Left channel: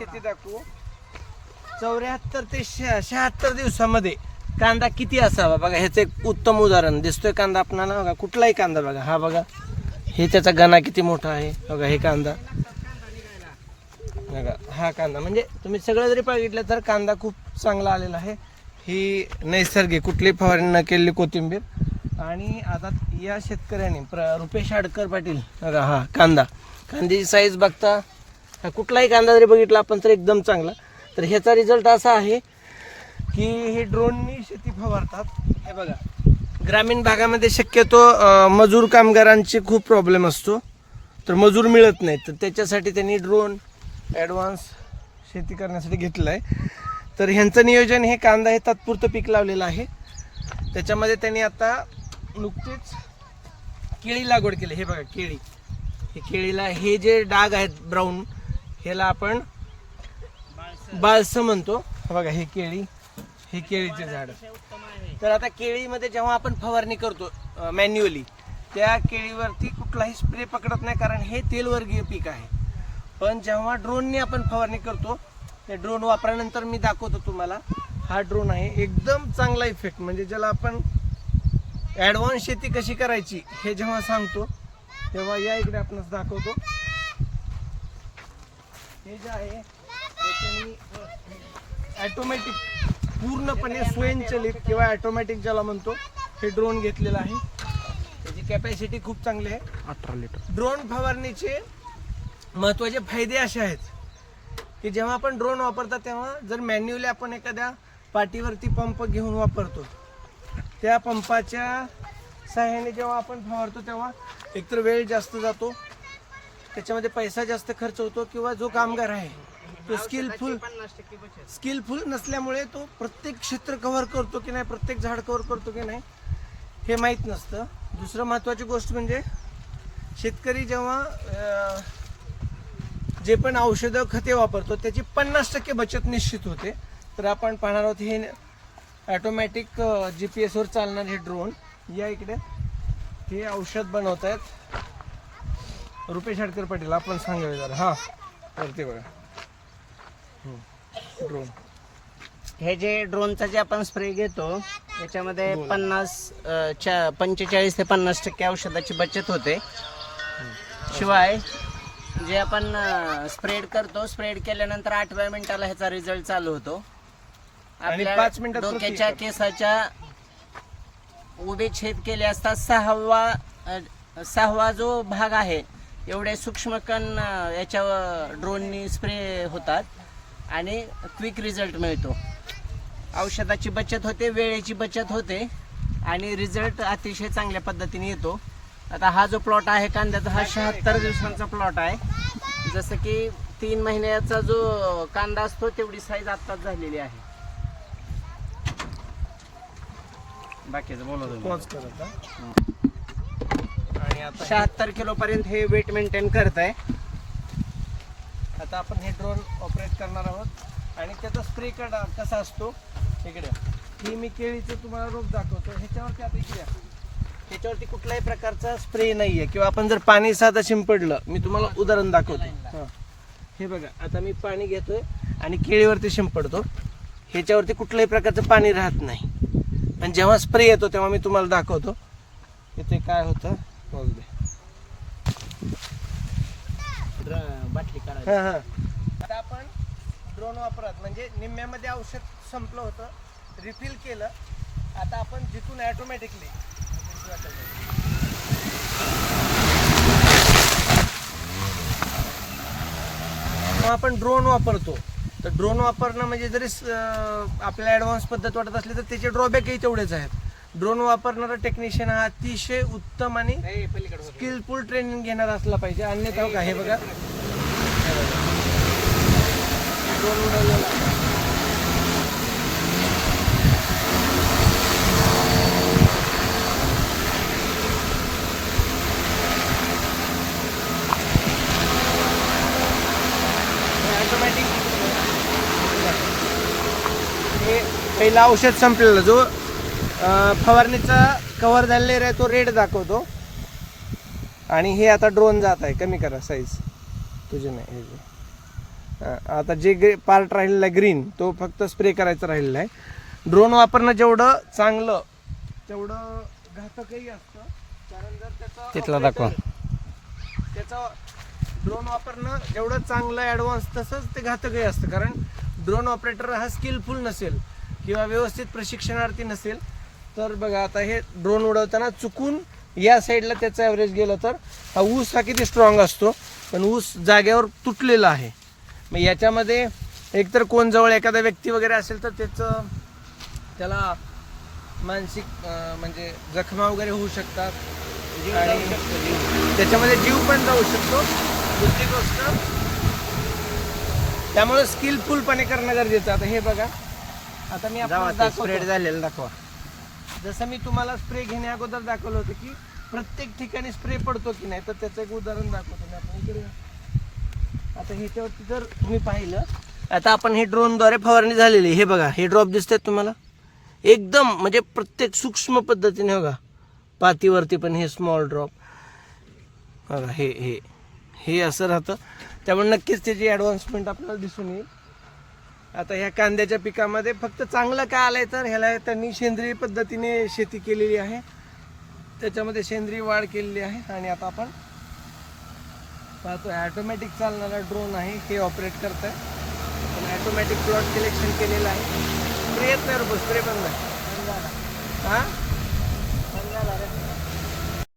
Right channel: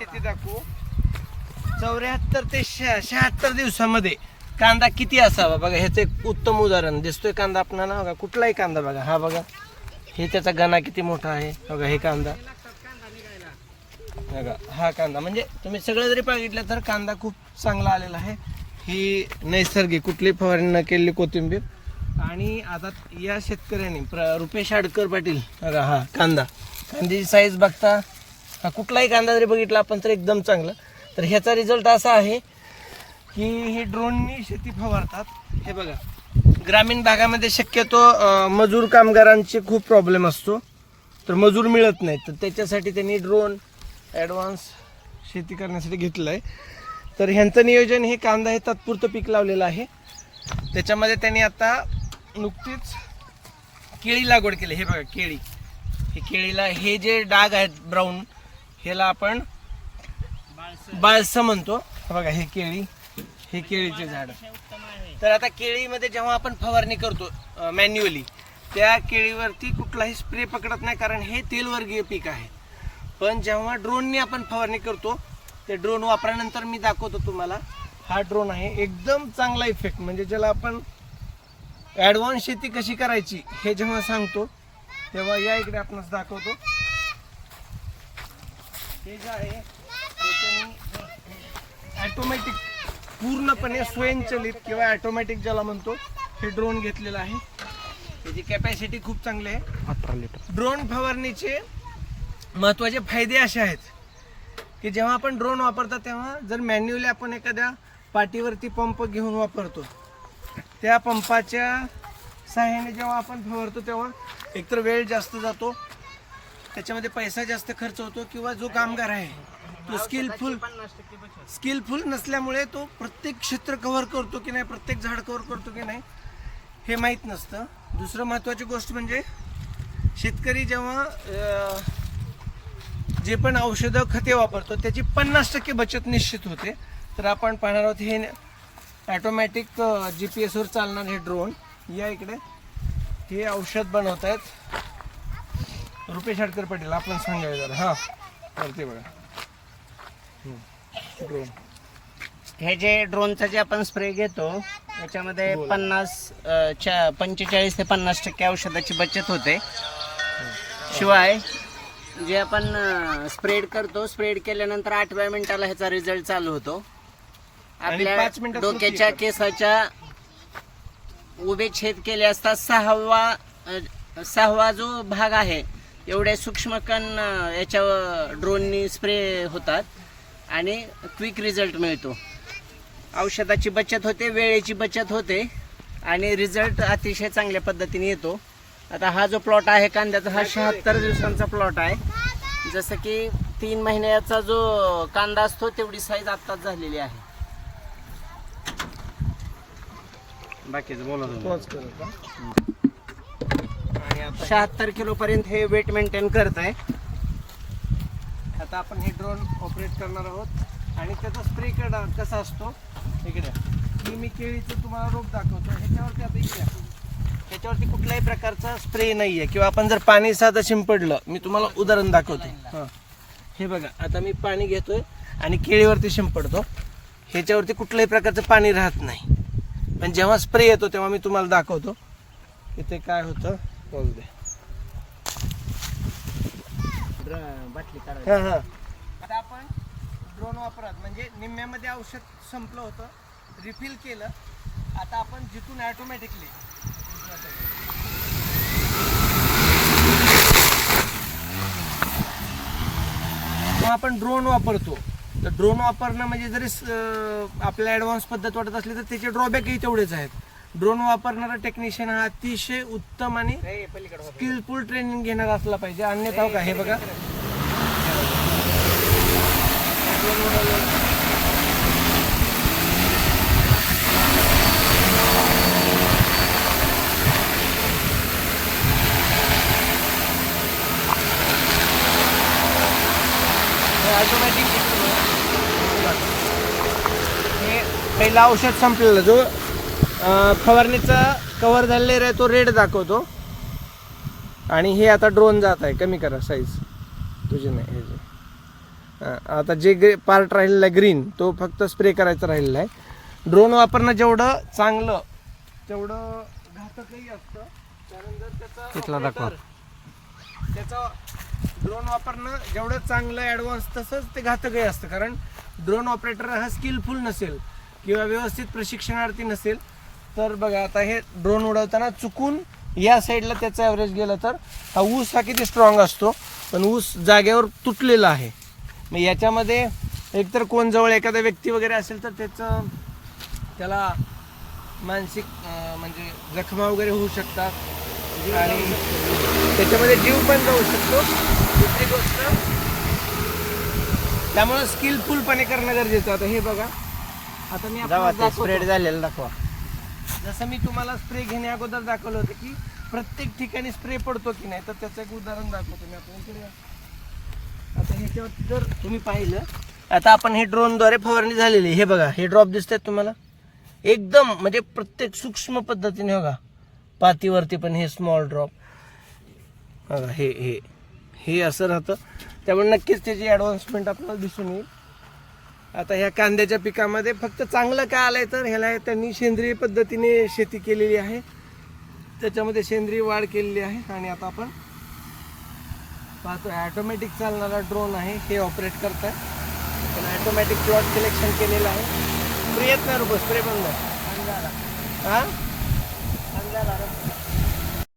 शेती दाखवू. चौऱ्याहत्तर ते शहात्तर दिवसामध्ये कांदा किती असावा? बघा ह्याचं एक उत्तम उदाहरण दिसतोय कांदा आपल्याला बघा कुठलाही कांदा बघा. हा बघा. हे त्याचा गणा किती मोठा आहे? बघा हे कांदा. बघा हा कांदा. म्हणजे तुम्ही सगळं जरी बघितलं तर कांदा खूप चांगला आलेला आहे. ही नैसर्गिक कुठली फवारणी न केलेली कोथिंबीर. आणि आता या शेतकऱ्यांनी प्र रुपेश आडकर पाटील. बघा हा कांदा. कांद्याची साईज बघता हा कुठलाही कांदा जरी बघितला आपण तर एकदम चांगला. तर ह्याचा रिझल्ट असा आहे की हे ड्रोननी शेती फवारतात. हे बघा ग्रामीण भागामध्ये शक्यतो मजूर कामगारांचे खूप प्रॉब्लेम असतो. तर मजूर मिळत नाहीत. तर त्याच्यासाठी त्यांनी ड्रोन ॲडव्हान्स शेती करण्यासाठी घेतलं आहे तर ह्यांचं नियोजन हे कांदा हे तात्पुरतं पीक लावलेलं आहे. त्याच्यामध्ये त्यांनी आता नुकतीच केळी लागवड केली. हे बघा केळी. हे केळीला हे जे डाग आहेत ब्राऊन ह्याला आपण बाळसं म्हणतो. बघा हे केळी हे केळीचे झाड. तर आता केळीमध्ये जेव्हा आपण फवारणी करतो मॅन्युअली त्या केळीवरती कुठलाही स्प्रे पकडत नाही कारण हे तेलवर्गीय पीक आहे. पण जेव्हा ड्रोनने आपण फवारणी करतो ते ड्रोन वापरल्यानंतर मी दाखवतो तुम्हाला. हा ड्रोन आहे एकदम चांगला इफेक्ट म्हणजे ज्याला आपण ॲडव्हान्स शेती कशी करायची हे जेव्हा सांगतो तेव्हा या इकडे आपणास दाखवतो. हे जे आहे त्याच्यानी ॲटोमॅटिक पूर्णपणे स्वयंचलित किंवा ॲटोमॅटिक ज्याला म्हणतो हे ड्रोन घेतलेलं आहे. त्याची कॅपॅसिटी खूप चांगली आहे. अठरा लिटर ड्रोन फवारणीचे महत्त्वाचे फायदे असे आहेत की जेव्हा आपण ड्रोन वापरता तेव्हा जर मॅन्युअली आपण एखाद्या पाठीवरती पंप घेऊन वापरतो त्या पंपाच्या सहाय्याने जेव्हा आपण फवारतो तेव्हा एकतर वेळ जास्त जातो त्याच्यामध्ये पैसा जास्त खर्च होतो किंवा जो कामगार आहे तो स्किलफुल स्किलफुल नसल्यामुळे तो प्रत्येक क्षेत्र कव्हर करतो की नाही प्रत्येक झाड कव्हर करतो की नाही हे माहीत नसतं. दुसरं महत्त्वाची गोष्ट म्हणजे शेतकरी जेव्हा जे पण औषधं खते वापरतो त्याची पन्नास टक्के बचत निश्चित होते. तर आपण पाहणार आहोत हे ॲटोमॅटिक जी पी एसवर चालणार हे ड्रोन या इकडे हे औषध बनवत आहेत रुपेश हडकर पाटील आपण सांगूया जरा हां वरती बघा. ड्रोन हे जे ड्रोनचा जे आपण स्प्रे घेतो याच्यामध्ये पन्नास पंचेचाळीस ते पन्नास टक्के औषधाची बचत होते. शिवाय जे आपण स्प्रेड करतो स्प्रेड केल्यानंतर आठव्या मिनिटाला ह्याचा रिझल्ट चालू होतो. आपल्या डोक्याच्या. केसाच्या उभे छेद केले असता सहावा सहावा जो भाग आहे एवढे सूक्ष्म कण ड्रोननी स्प्रे होतात आणि क्विक रिझल्ट मिळतो. औषधाची बचत होते वेळेची बचत होते आणि रिझल्ट अतिशय चांगल्या पद्धतीने येतो. आता हा जो प्लॉट आहे कांद्याचा हा शहात्तर दिवसांचा प्लॉट आहे. जसं की तीन महिन्याचा जो कांदा असतो तेवढी साईज आत्ताच झालेली आहे. बाकीचं बोला होतो. पोच केलं का? आणि आता शहात्तर किलो पर्यंत हे वेट मेंटेन करत आहे आता आपण हे ड्रोन ऑपरेट करणार आहोत. आणि त्याचा स्प्रे करणार कसा असतो? इकडे. ही मी केळीचं तुम्हाला रोप दाखवतो ह्याच्यावरती आता इकडे ह्याच्यावरती कुठल्याही प्रकारचा स्प्रे नाही आहे किंवा आपण जर पाणी साधं शिंपडलं मी तुम्हाला उदाहरण दाखवते. हां. हे बघा आता मी पाणी घेतोय आणि केळीवरती शिंपडतो. ह्याच्यावरती कुठल्याही प्रकारचं पाणी राहत नाही. पण जेव्हा स्प्रे येतो तेव्हा मी तुम्हाला दाखवतो. इथे काय होतं? दे ड्र- बाटली काढायची. हा, हा. आता आपण ड्रोन वापरत. म्हणजे निम्म्यामध्ये औषध संपलं होतं. रिफिल केलं. आता आपण जिथून ॲटोमॅटिकली आपण ड्रोन वापरतो. तर ड्रोन वापरणं म्हणजे जरी आपल्याला ॲडव्हान्स पद्धत वाटत असली तर त्याचे ड्रॉबॅकही तेवढेच आहेत. ड्रोन वापरणारा टेक्निशियन हा अतिशय उत्तम आणि स्किलफुल ट्रेनिंग घेणार असला पाहिजे. अन्यथा का हे बघा. ड्रोन उडवलेला. हे ऑटोमॅटिक हे पहिलं औषध संपलेलं जो फवारणीचा कव्हर झालेला आहे तो रेड दाखवतो. आणि हे आता ड्रोन जात आहे कमी करा साईज तुझे नाही हे जे. आता जे पार्ट राहिलेला आहे ग्रीन तो फक्त स्प्रे करायचा राहिलेला आहे. ड्रोन वापरणं जेवढं चांगलं तेवढं घातकही असतं. कारण जर त्याचा तिथला दाखवा. त्याचा ड्रोन वापरणं जेवढं चांगलं ॲडव्हान्स तसंच ते घातकही असतं. कारण ड्रोन ऑपरेटर हा स्किलफुल नसेल किंवा व्यवस्थित प्रशिक्षणार्थी नसेल. तर बघा आता हे ड्रोन उडवताना चुकून या साईडला त्याचा ॲव्हरेज गेलं तर हा ऊस हा किती स्ट्रॉंग असतो? पण ऊस जागेवर तुटलेला आहे. मग याच्यामध्ये एकतर कोण जवळ एखादा व्यक्ती वगैरे असेल तर त्याचं त्याला मानसिक म्हणजे जखमा वगैरे होऊ शकतात. त्याच्यामध्ये जीव पण जाऊ शकतो. दुसरी गोष्ट त्यामुळे स्किलफुलपणे करणं गरजेचं. आता हे बघा. आता मी दाखवा. जसं मी तुम्हाला स्प्रे घेण्या अगोदर दाखवलं होतं की प्रत्येक ठिकाणी स्प्रे पडतो की नाही तर त्याचं एक उदाहरण दाखवतो मी आपण इकडे आता ह्याच्यावरती जर तुम्ही पाहिलं आता आपण हे ड्रोनद्वारे फवारणी झालेली आहे. हे बघा हे ड्रॉप दिसते तुम्हाला? एकदम म्हणजे प्रत्येक सूक्ष्म पद्धतीने बघा. पातीवरती पण हे स्मॉल ड्रॉप बघा हे हे. हे असं राहतं. त्यामुळे नक्कीच त्याची ॲडव्हान्समेंट आपल्याला दिसून येईल. आता ह्या कांद्याच्या पिकामध्ये फक्त चांगलं काय आलंय तर ह्याला त्यांनी सेंद्रिय पद्धतीने शेती केलेली आहे. त्याच्यामध्ये सेंद्रिय वाढ केलेली आहे आणि आता आपण पाहतो ॲटोमॅटिक चालणारा ड्रोन आहे हे ऑपरेट करतं पण ॲटोमॅटिक प्लॉट सिलेक्शन केलेलं आहे. स्प्रे येत नाही रुपये स्प्रे बंद हा?